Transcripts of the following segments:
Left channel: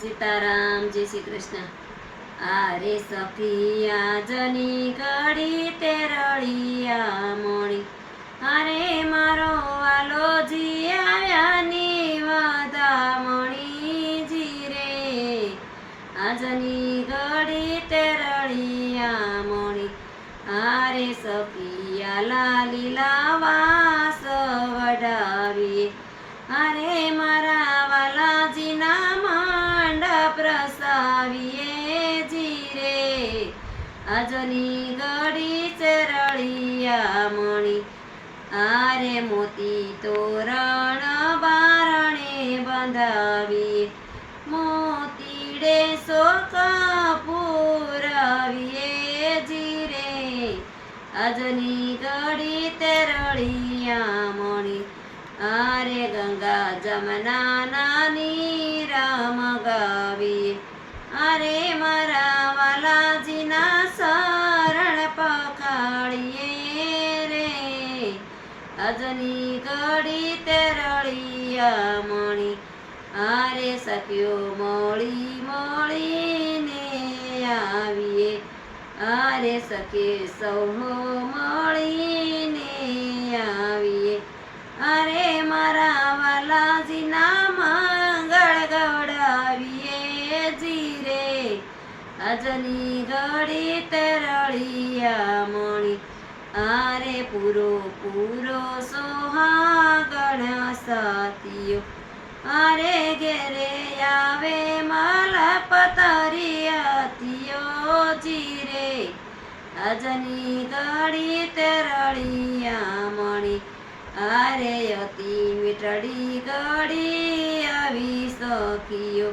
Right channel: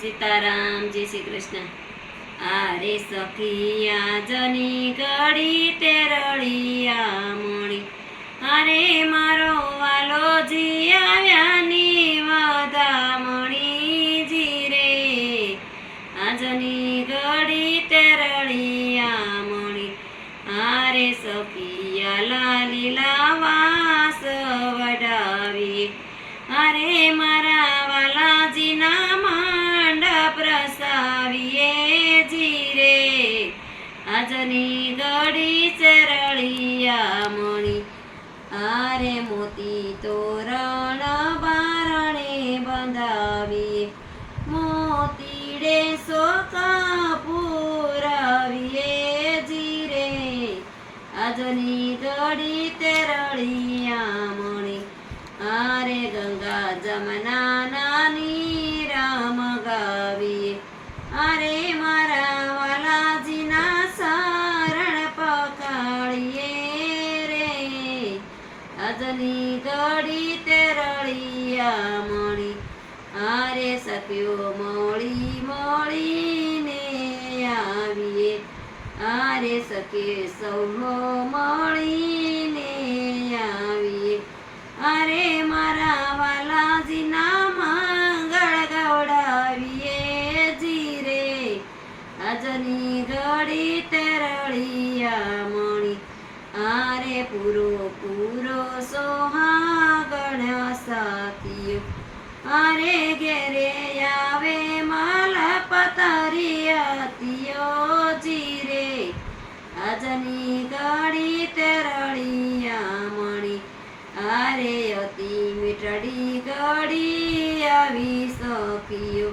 સીતારામ, જય શ્રી કૃષ્ણ. આરે સખિયા જની ઘડી તે રળિયા મણી, અરે મારો વાલો જી આવ્યાની વધામણી જી રે. આજની ઘડી તે રળિયા મણી, આરે સખિયા લાલી લાવાસ વડાવીએ, અરે મારા વાલાજીના આજની ઘડી ચરળિયા મણી, આરે મોતી તોરણ બારણે બંધાવીએ, મોતીડે શોકા પુરાવીએ જીરે. આજની ઘડી તેરળિયા મણી, આરે ગંગા જમના નીરામ ગાવીએ, અરે મારા વાલાજીના આજની ઘડી તેરળિયા મણી, આરે સખ્યો મળી મળીને આવીએ, આરે સખે સૌ મળીને આવીએ, અરે મારા વાલાજીના મંગળ ગવડાવીએ જીરે. આજની ઘડી તેરળિયા મણી, આરે પૂરો પૂરો સોહાગણ સાથીઓ, અરે ઘેરે આવે માલપતરિયાતીઓ જીરે. આજની ઘડી તેરળિયા મણી, આરે અતિ મીઠડી ઘડી આવી સખીઓ,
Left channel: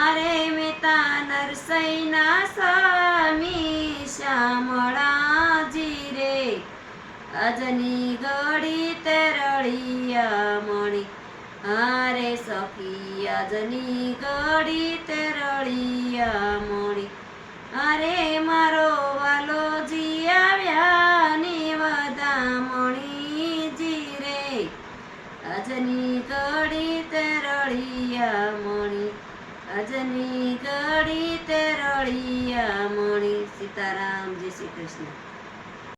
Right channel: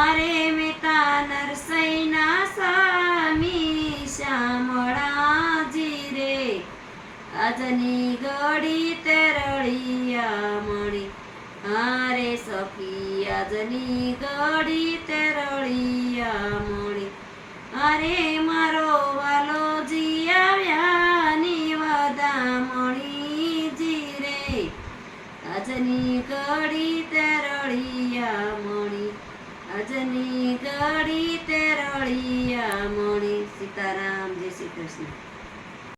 અરે મેતા નરસૈના સ્વામી શ્યામળા જીરે. આજની ઘડી તેરળિયા મણી, આરે સખી આજની ઘડી તેરળિયા મણી, અરે મારો વાલો જી આવ્યાની વધામણી જીરે. આજની ઘડી તેરળિયા મણી, આજની ઘડી તેરળિયા મણી. સીતારામ, જય શ્રી કૃષ્ણ.